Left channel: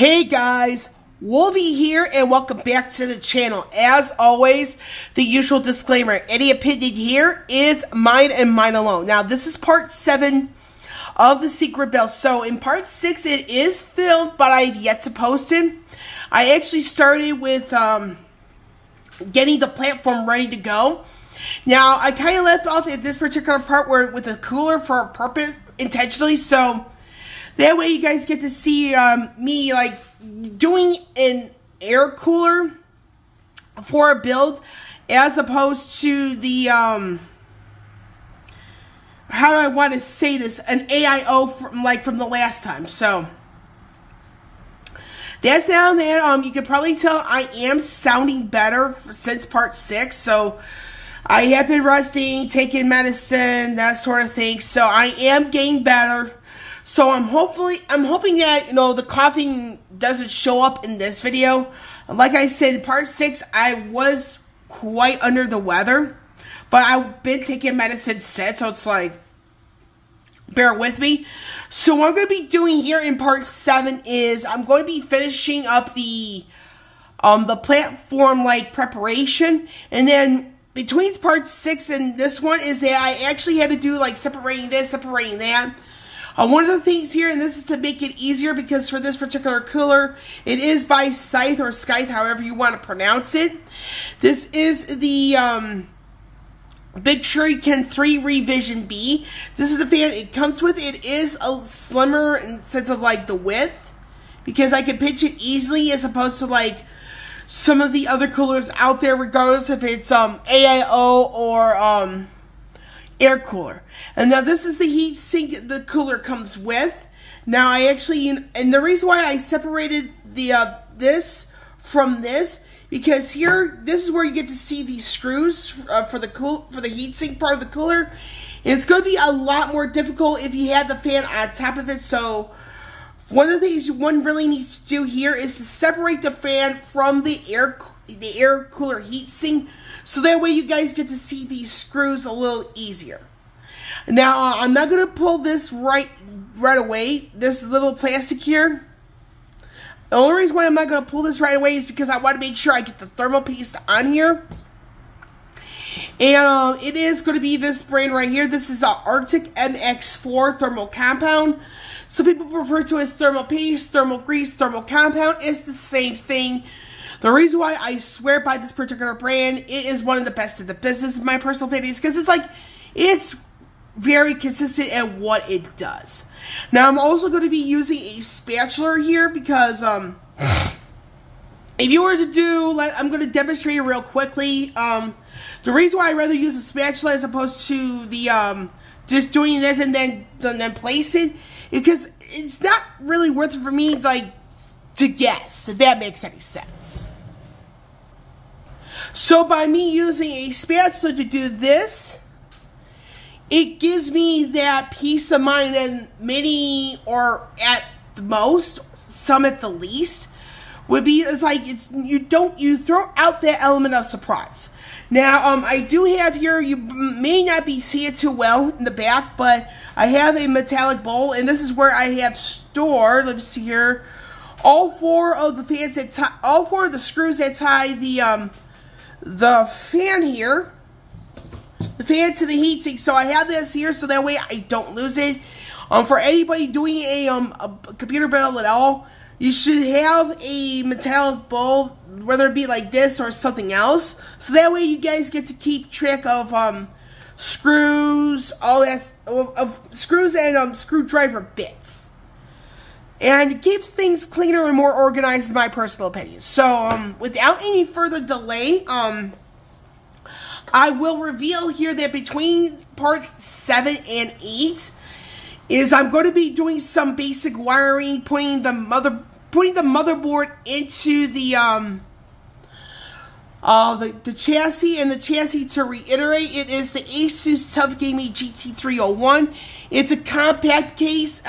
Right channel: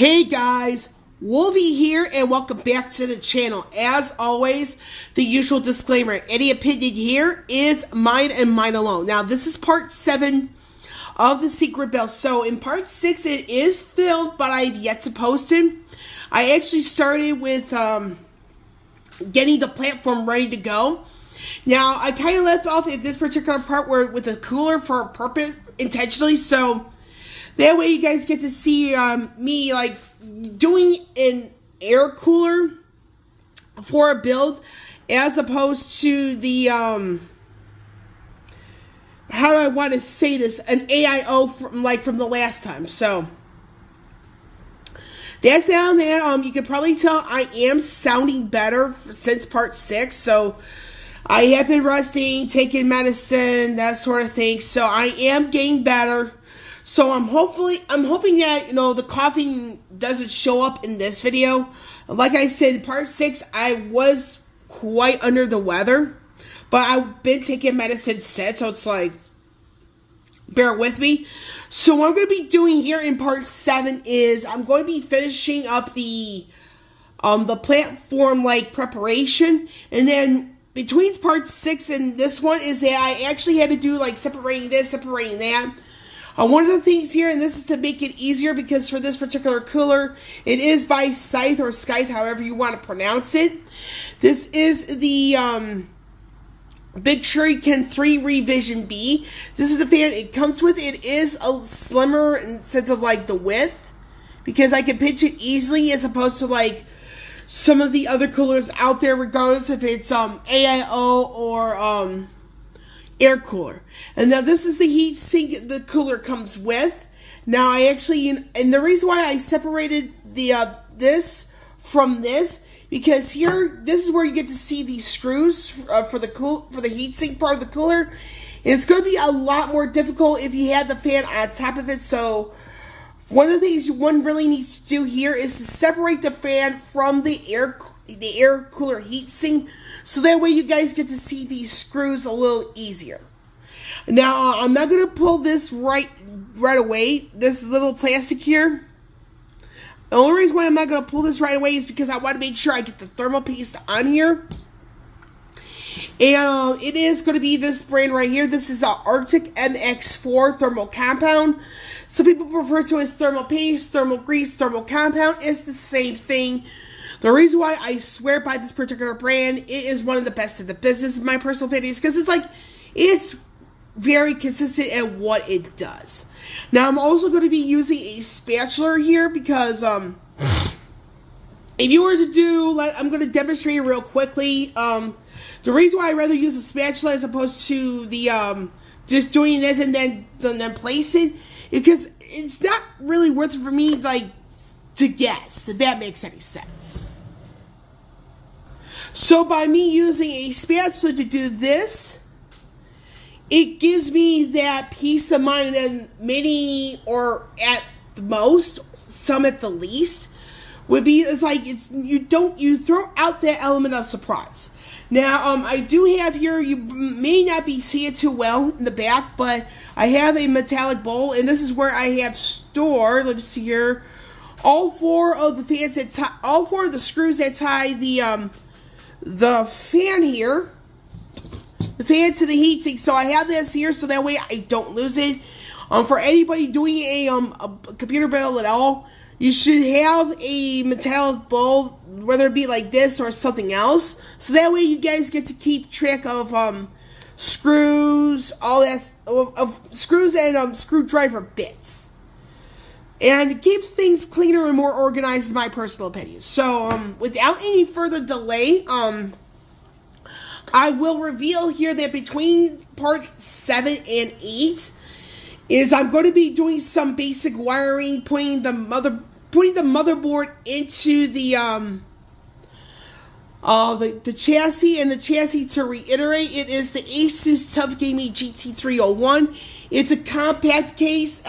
Hey guys, Wolvie here and welcome back to the channel. As always, the usual disclaimer, any opinion here is mine and mine alone. Now this is part 7 of the secret bell. So in part 6 it is filmed, but I've yet to post it. I actually started with getting the platform ready to go. Now I kind of left off at this particular part where with a cooler for a purpose intentionally, so that way you guys get to see me like doing an air cooler for a build as opposed to the how do I want to say this, an AIO from the last time. So that's down there. You can probably tell I am sounding better since part 6. So I have been resting, taking medicine, that sort of thing. So I am getting better. So I'm hoping that, you know, the coughing doesn't show up in this video. Like I said, in part 6, I was quite under the weather, but I've been taking medicine since, so it's like, bear with me. So what I'm going to be doing here in part 7 is I'm going to be finishing up the platform like preparation, and then between part 6 and this one is that I actually had to do like separating this, separating that. One of the things here, and this is to make it easier because for this particular cooler, it is by Scythe or Scythe, however you want to pronounce it. This is the Big Shuriken 3 Revision B. This is the fan it comes with. It is a slimmer in sense of like the width, because I can pitch it easily as opposed to like some of the other coolers out there, regardless if it's AIO or air cooler. And now this is the heat sink the cooler comes with. Now I actually, and the reason why I separated the this from this, because here, this is where you get to see these screws for the heat sink part of the cooler. And it's going to be a lot more difficult if you had the fan on top of it. So one of the things one really needs to do here is to separate the fan from the air cooler heat sink, so that way you guys get to see these screws a little easier. Now I'm not going to pull this right away, this little plastic here. The only reason why I'm not going to pull this right away is because I want to make sure I get the thermal paste on here. And it is going to be this brand right here. This is Arctic MX4 thermal compound. Some people refer to it as thermal paste, thermal grease, thermal compound. It's the same thing. The reason why I swear by this particular brand, it is one of the best in the business, in my personal opinion, because it's like, it's very consistent at what it does. Now, I'm also going to be using a spatula here because, if you were to do, like, I'm going to demonstrate it real quickly. The reason why I'd rather use a spatula as opposed to the, just doing this and then place it, because it's not really worth it for me, like, to guess, if that makes any sense. So by me using a spatula to do this, it gives me that peace of mind, and many, or at the most, some at the least, would be, it's like, you throw out that element of surprise. Now, I do have here, you may not be seeing it too well in the back, but I have a metallic bowl, and this is where I have stored, let me see here, all 4 of the fans that tie, all 4 of the screws that tie the fan here, the fan to the heatsink. So I have this here so that way I don't lose it. For anybody doing a computer build at all, you should have a metallic bowl, whether it be like this or something else, so that way you guys get to keep track of screws, all that of screws and screwdriver bits. And it keeps things cleaner and more organized, in my personal opinion. So, without any further delay, I will reveal here that between parts 7 and 8 is I'm going to be doing some basic wiring, putting the motherboard into the chassis, and the chassis, to reiterate, it is the Asus TUF Gaming GT301. It's a compact case,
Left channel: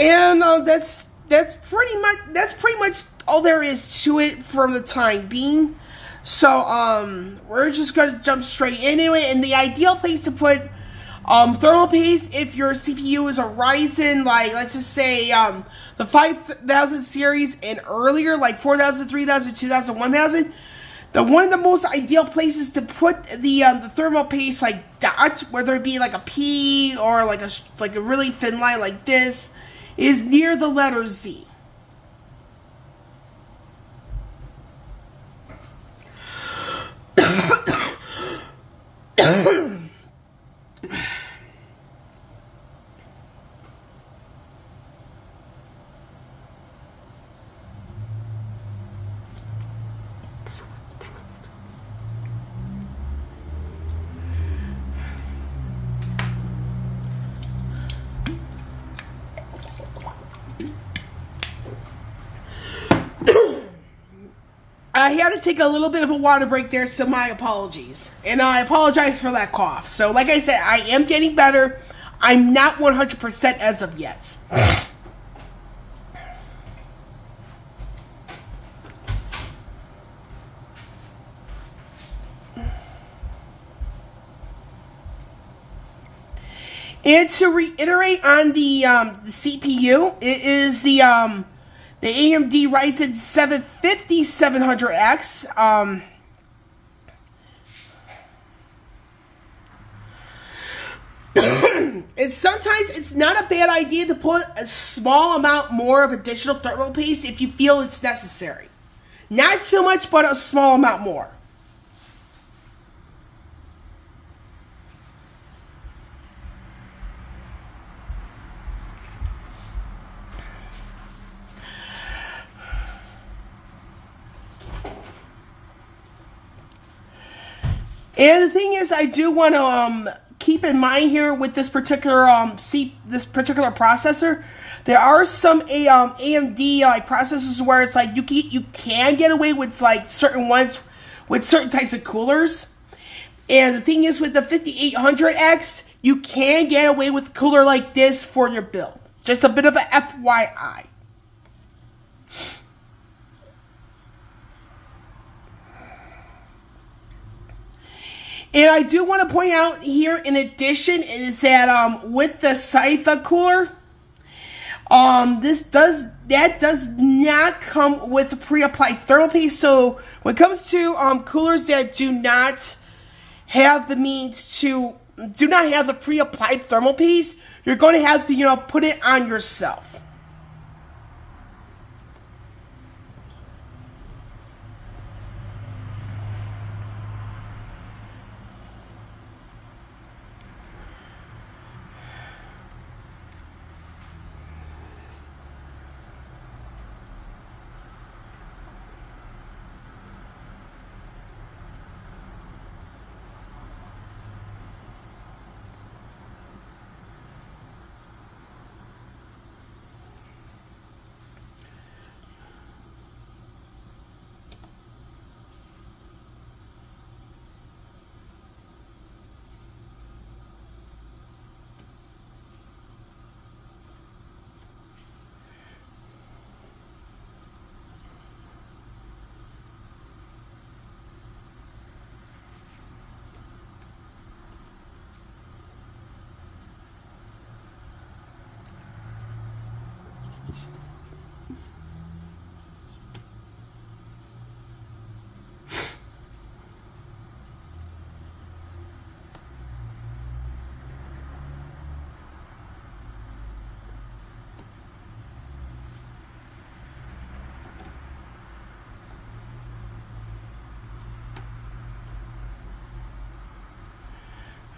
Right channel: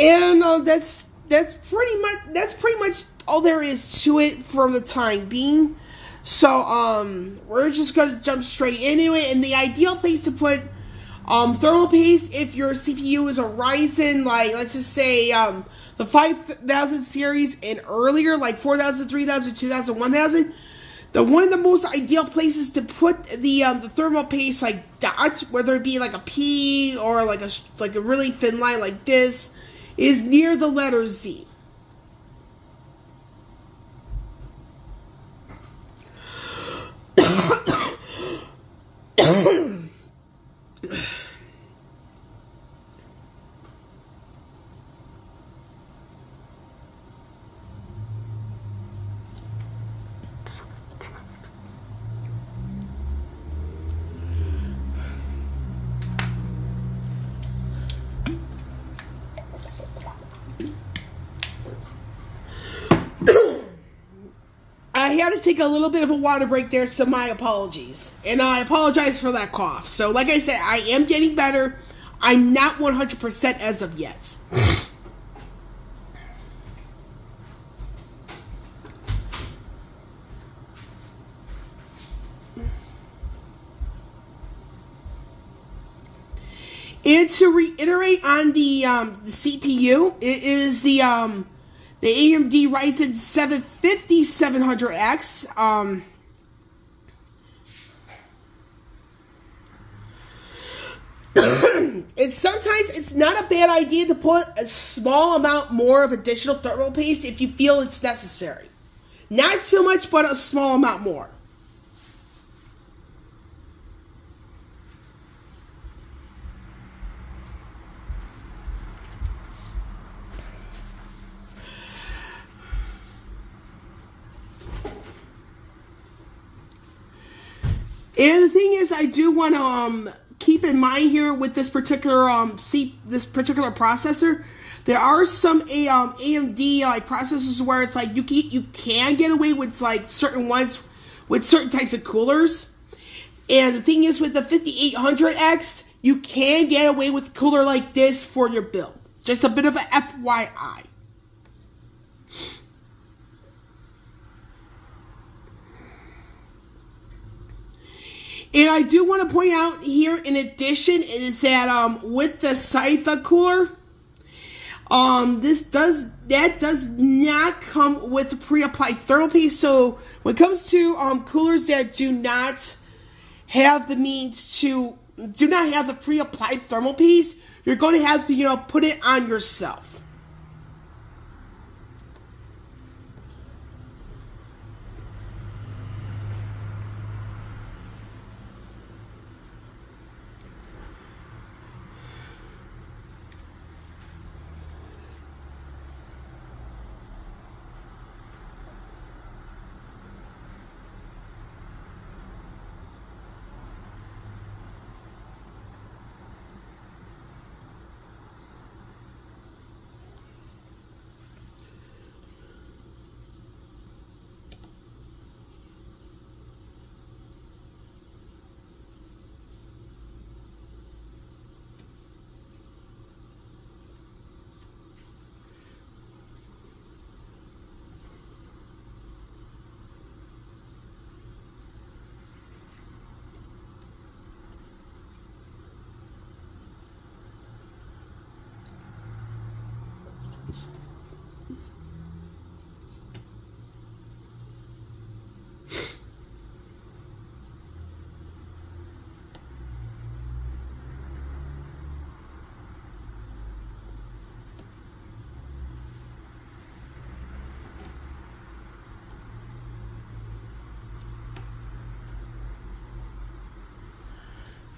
and that's pretty much all there is to it for the time being. So we're just gonna jump straight in anyway. And the ideal place to put Thermal paste, if your CPU is a Ryzen, like, let's just say, the 5000 series and earlier, like 4000, 3000, 2000, 1000, one of the most ideal places to put the thermal paste, like, dot, whether it be like a P or like a really thin line like this, is near the letter Z. I had to take a little bit of a water break there, so my apologies. And I apologize for that cough. So, like I said, I am getting better. I'm not 100% as of yet. And to reiterate on the CPU, it is the AMD Ryzen 7 5700X. Sometimes it's not a bad idea to put a small amount more of additional thermal paste if you feel it's necessary. Not too much, but a small amount more. And the thing is, I do want to keep in mind here with this particular processor, there are some AMD processors where it's like you can get away with like certain ones with certain types of coolers. And the thing is, with the 5800X, you can get away with a cooler like this for your build. Just a bit of a FYI. And I do want to point out here, in addition, is that with the Scythe cooler, that does not come with pre-applied thermal paste. So when it comes to coolers that do not have the means to have the pre-applied thermal paste, you're going to have to put it on yourself.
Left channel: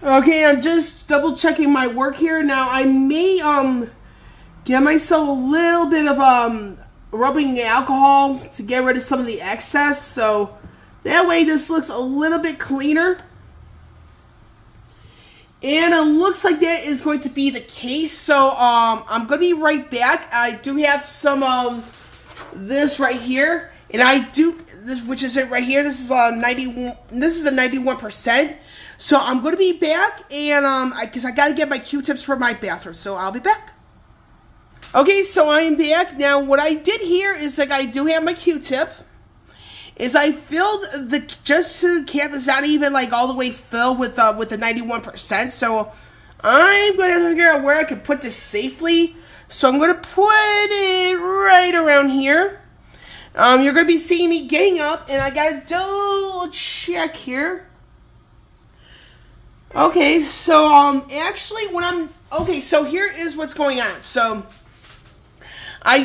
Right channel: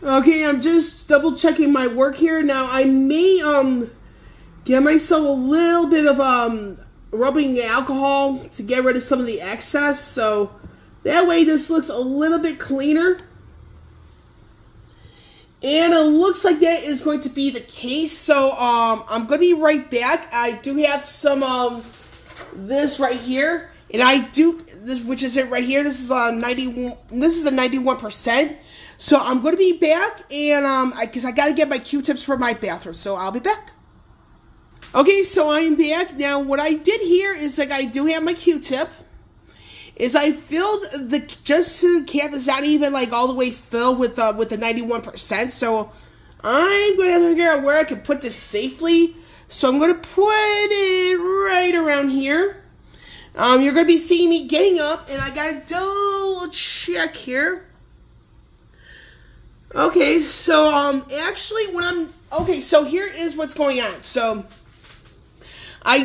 Okay, I'm just double checking my work here. Now I may get myself a little bit of rubbing alcohol to get rid of some of the excess, so that way this looks a little bit cleaner. And it looks like that is going to be the case. So I'm going to be right back. I do have some this right here, and I do this, which is it right here. This is 91. This is the 91%. So I'm going to be back, and because I got to get my Q-tips for my bathroom. So I'll be back. Okay, so I'm back. Now what I did here is like I do have my Q-tip. Is I filled just to cap is not even like all the way filled with the 91%. So I'm going to have to figure out where I can put this safely. So I'm going to put it right around here. You're going to be seeing me getting up, and I got to double check here. Okay, so actually so here is what's going on. So I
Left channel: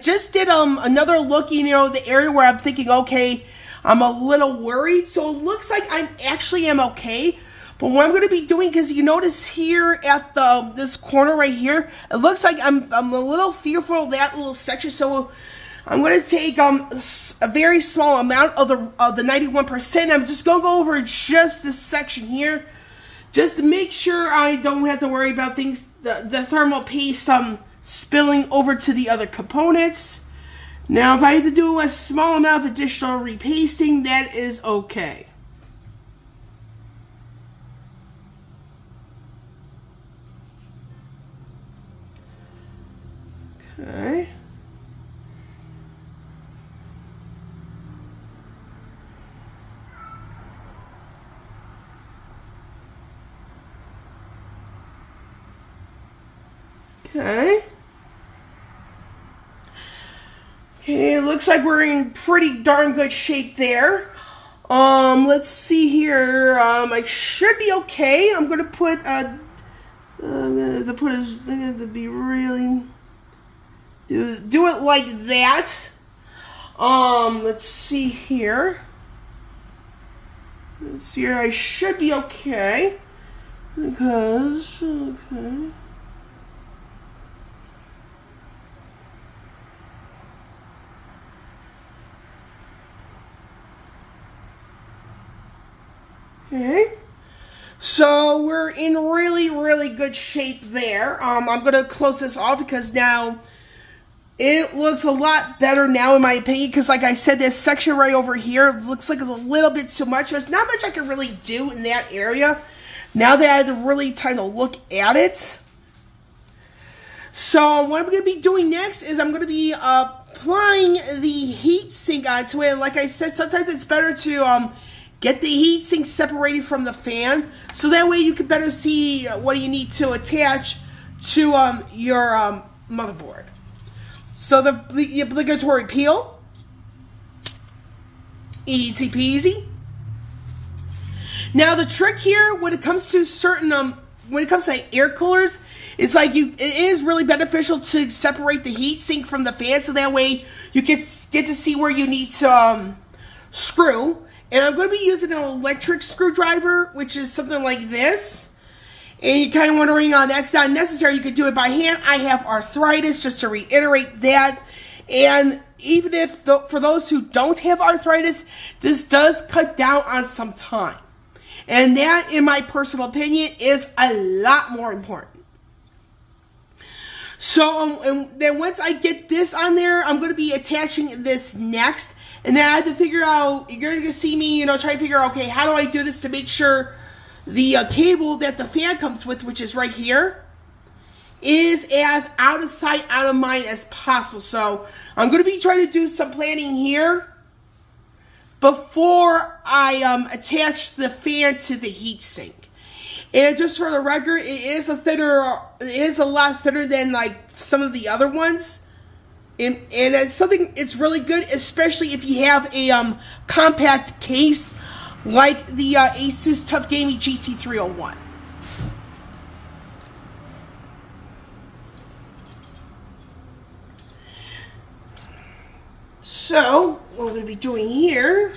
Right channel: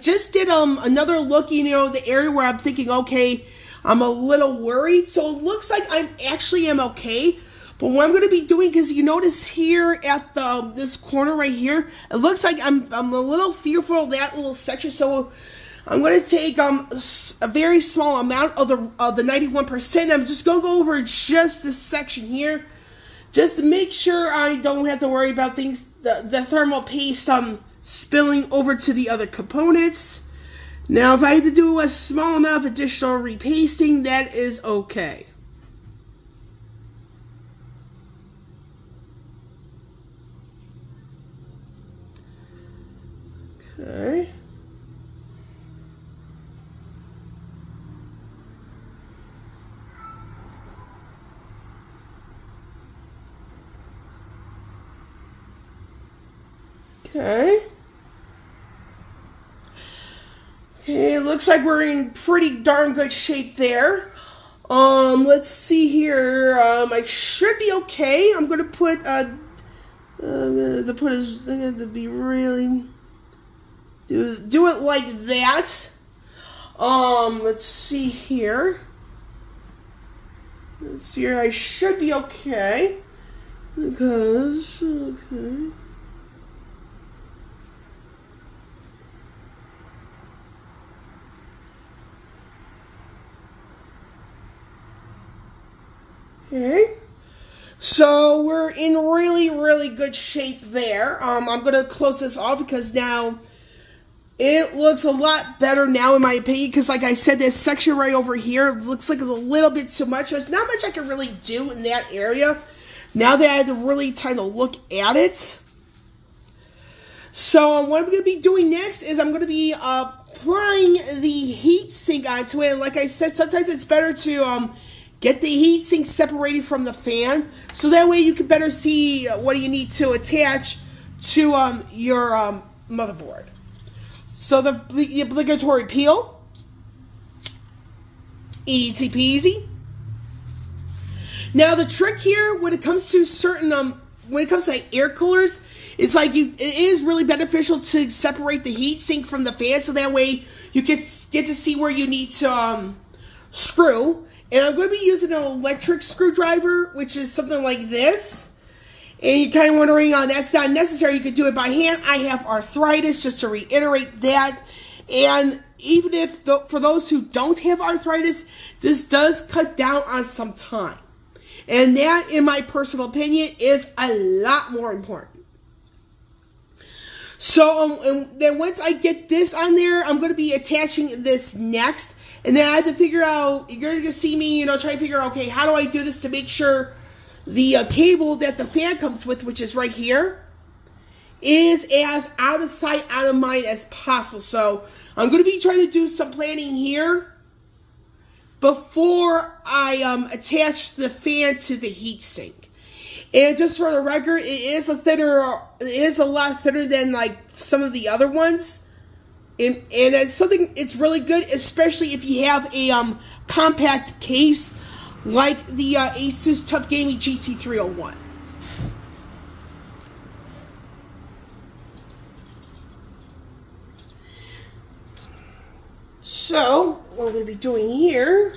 just did another look, you know, the area where I'm thinking, okay, I'm a little worried. So it looks like I actually am okay. But what I'm going to be doing, because you notice here at this corner right here, it looks like I'm a little fearful of that little section. So I'm going to take a very small amount of the 91%. I'm just going to go over just this section here, just to make sure I don't have to worry about things, the thermal paste spilling over to the other components. Now, if I have to do a small amount of additional repasting, that is okay. Okay. Okay. Okay, it looks like we're in pretty darn good shape there. Let's see here. I should be okay. I'm gonna put I'm gonna be really do it like that. Let's see here. Let's see here. I should be okay because okay. Okay, so we're in really, really good shape there. I'm going to close this off because now it looks a lot better now in my opinion, because like I said, this section right over here looks like it's a little bit too much. There's not much I can really do in that area now that I have to really time to look at it. So what I'm going to be doing next is I'm going to be applying the heat sink onto it. And like I said, sometimes it's better to get the heat sink separated from the fan, so that way you can better see what you need to attach to your motherboard. So the obligatory peel, easy peasy. Now the trick here, when it comes to certain when it comes to air coolers, it's like it is really beneficial to separate the heat sink from the fan, so that way you get to see where you need to screw. And I'm going to be using an electric screwdriver, which is something like this. And you're kind of wondering, that's not necessary. You could do it by hand. I have arthritis, just to reiterate that. And even if, for those who don't have arthritis, this does cut down on some time. And that, in my personal opinion, is a lot more important. So, and then once I get this on there, I'm going to be attaching this next. And then I have to figure out, you're going to see me, you know, try to figure out, okay, how do I do this to make sure the cable that the fan comes with, which is right here, is as out of sight, out of mind as possible. So I'm going to be trying to do some planning here before I attach the fan to the heat sink. And just for the record, it is a lot thinner than like some of the other ones. And it's something, it's really good, especially if you have a compact case like the Asus Tough Gaming GT301. So, what we're going to be doing here...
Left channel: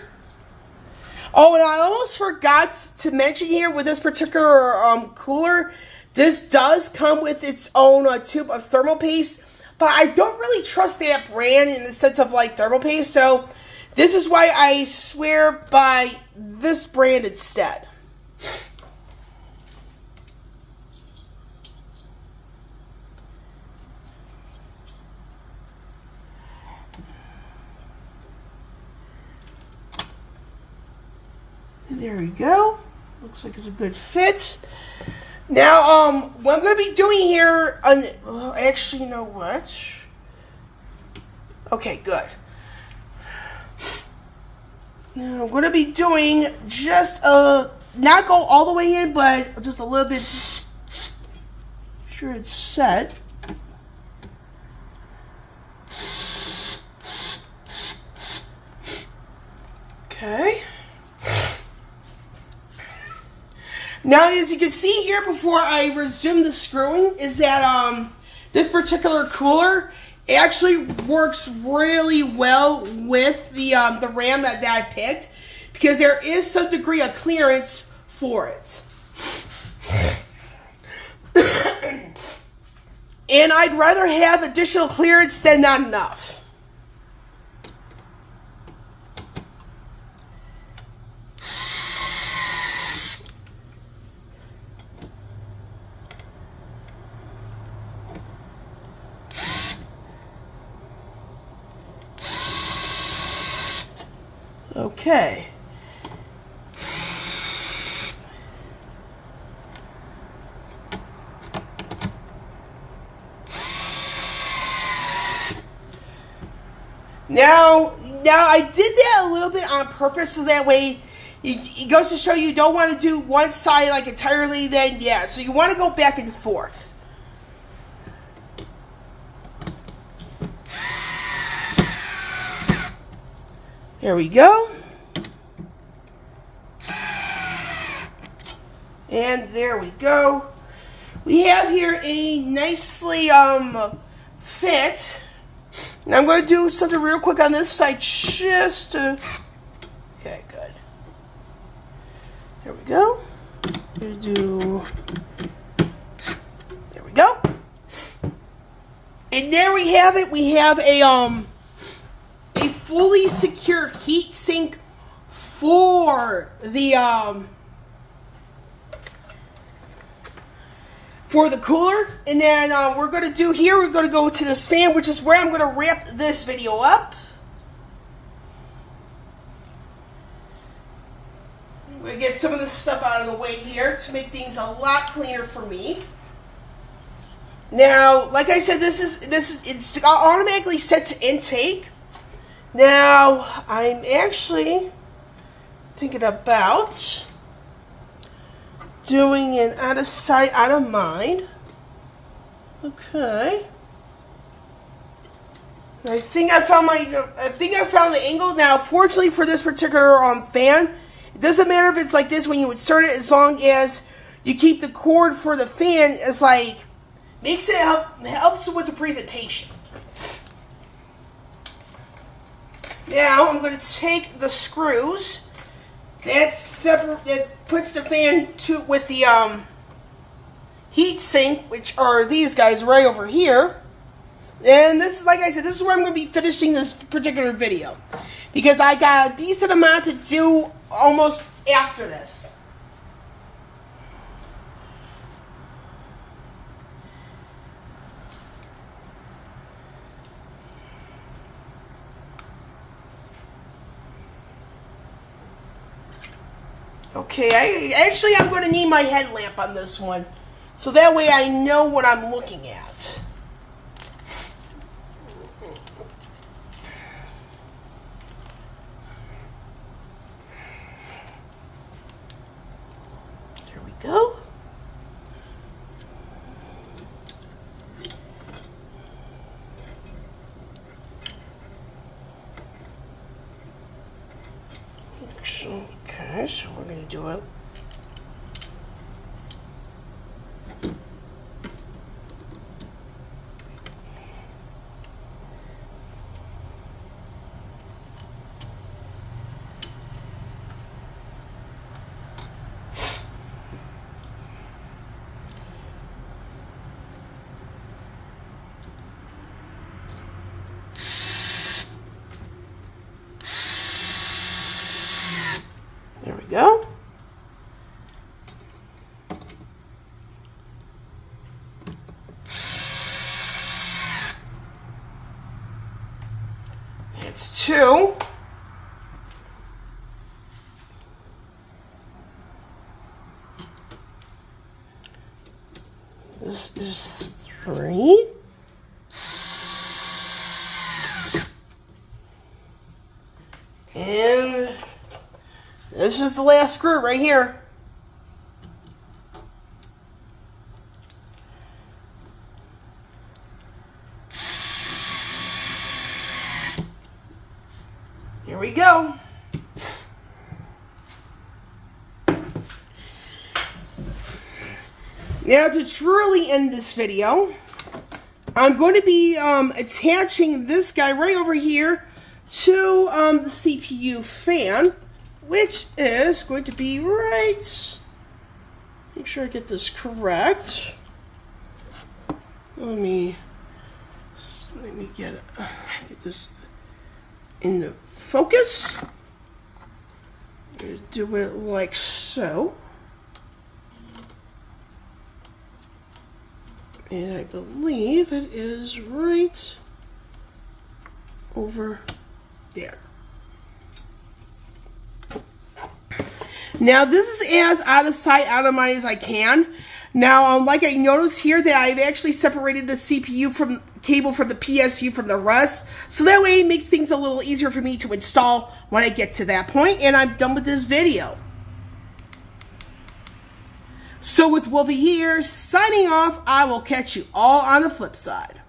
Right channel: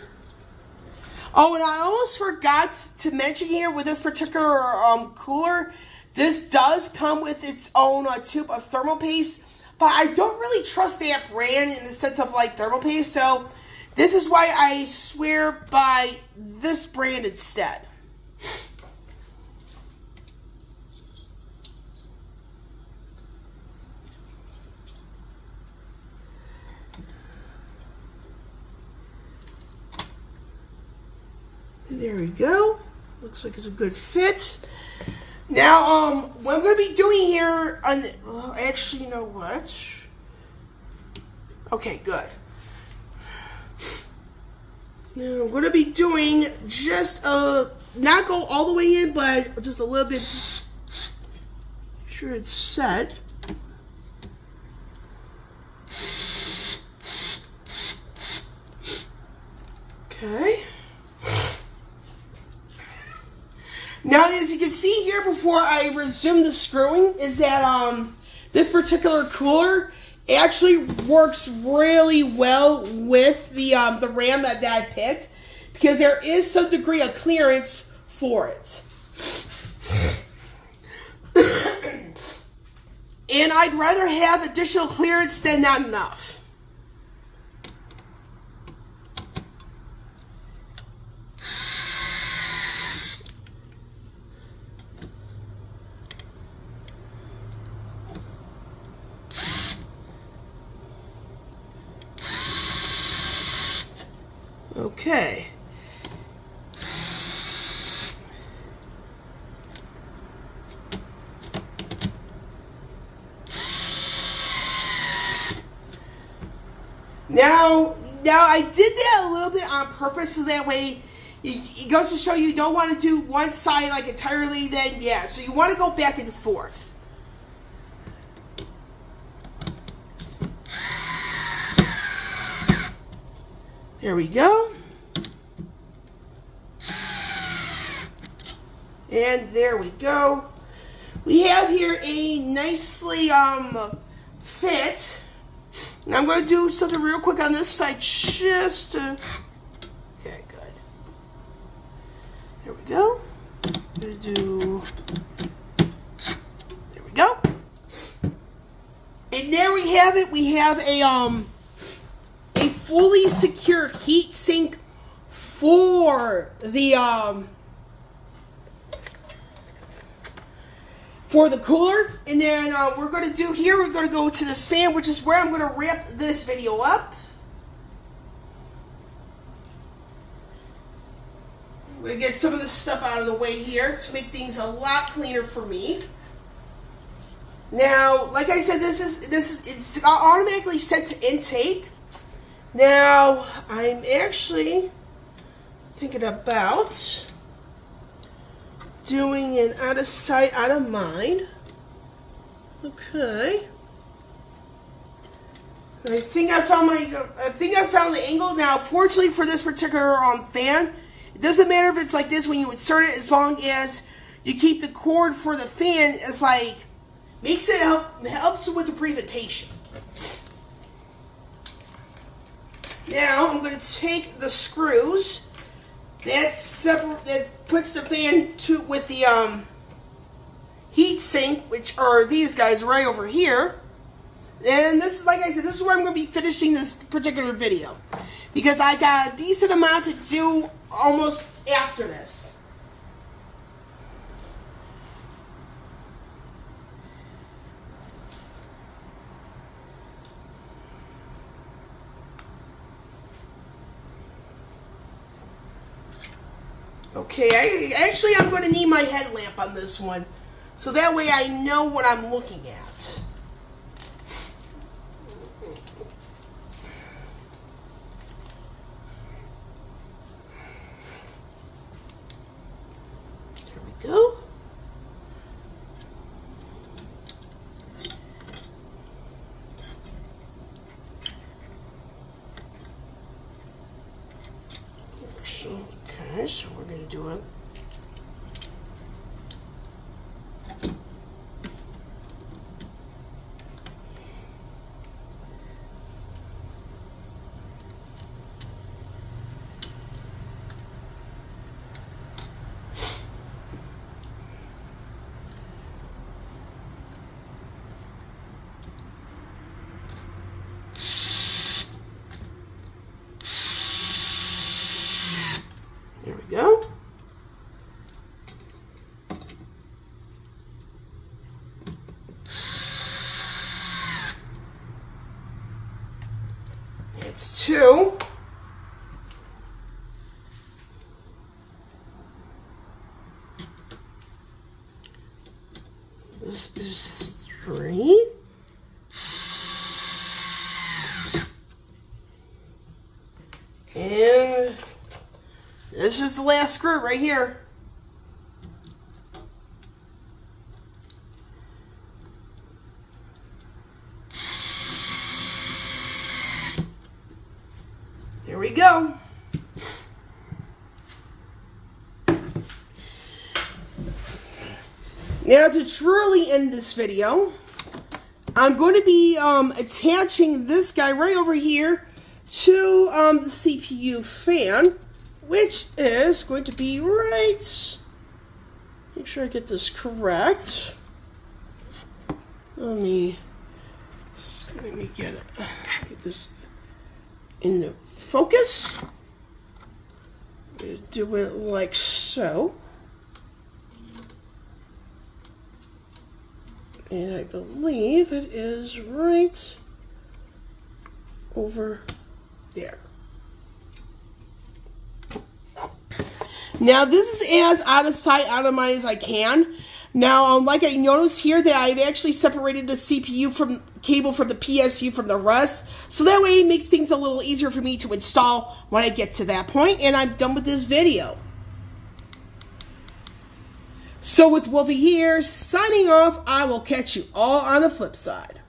Oh, and I almost forgot to mention here with this particular cooler, this does come with its own tube of thermal paste. But I don't really trust that brand in the sense of like thermal paste, so this is why I swear by this brand instead. And there we go. Looks like it's a good fit. Now, what I'm going to be doing here, actually, you know what? Okay, good. Now, I'm going to be doing just, not go all the way in, but just a little bit sure it's set. Okay. Now, as you can see here, before I resume the screwing, is that this particular cooler actually works really well with the RAM that Dad picked, because there is some degree of clearance for it. And I'd rather have additional clearance than not enough. Okay. Now I did that a little bit on purpose, so that way it goes to show you don't want to do one side like entirely, then yeah, so you want to go back and forth. There we go. And there we go. We have here a nicely fit. And I'm going to do something real quick on this side just to... Okay, good. There we go. I'm going to do... There we go. And there we have it. We have a fully secured heat sink for the cooler. And then we're going to do here, we're going to go to this fan, which is where I'm going to wrap this video up. I'm going to get some of this stuff out of the way here to make things a lot cleaner for me. Now, like I said, it's automatically set to intake. Now, I'm actually thinking about doing an out of sight, out of mind. Okay. I think I found the angle. Now, fortunately for this particular fan, it doesn't matter if it's like this when you insert it, as long as you keep the cord for the fan. It's like makes it helps with the presentation. Now I'm going to take the screws that puts the fan with the heat sink, which are these guys right over here. And this is, like I said, this is where I'm going to be finishing this particular video, because I got a decent amount to do almost after this. Okay, I'm going to need my headlamp on this one, so that way I know what I'm looking at. There we go. Okay, so we're going to do it. There we go. It's 2. This is 3. And this is the last screw right here. Now to truly end this video, I'm going to be attaching this guy right over here to the CPU fan, which is going to be right. Make sure I get this correct. Let me get this in the focus. I'm going to do it like so. And I believe it is right over there. Now this is as out of sight, out of mind as I can. Now, like I noticed here that I actually separated the CPU from cable from the PSU from the rest. So that way it makes things a little easier for me to install when I get to that point. And I'm done with this video. So with Wolvie here, signing off. I will catch you all on the flip side.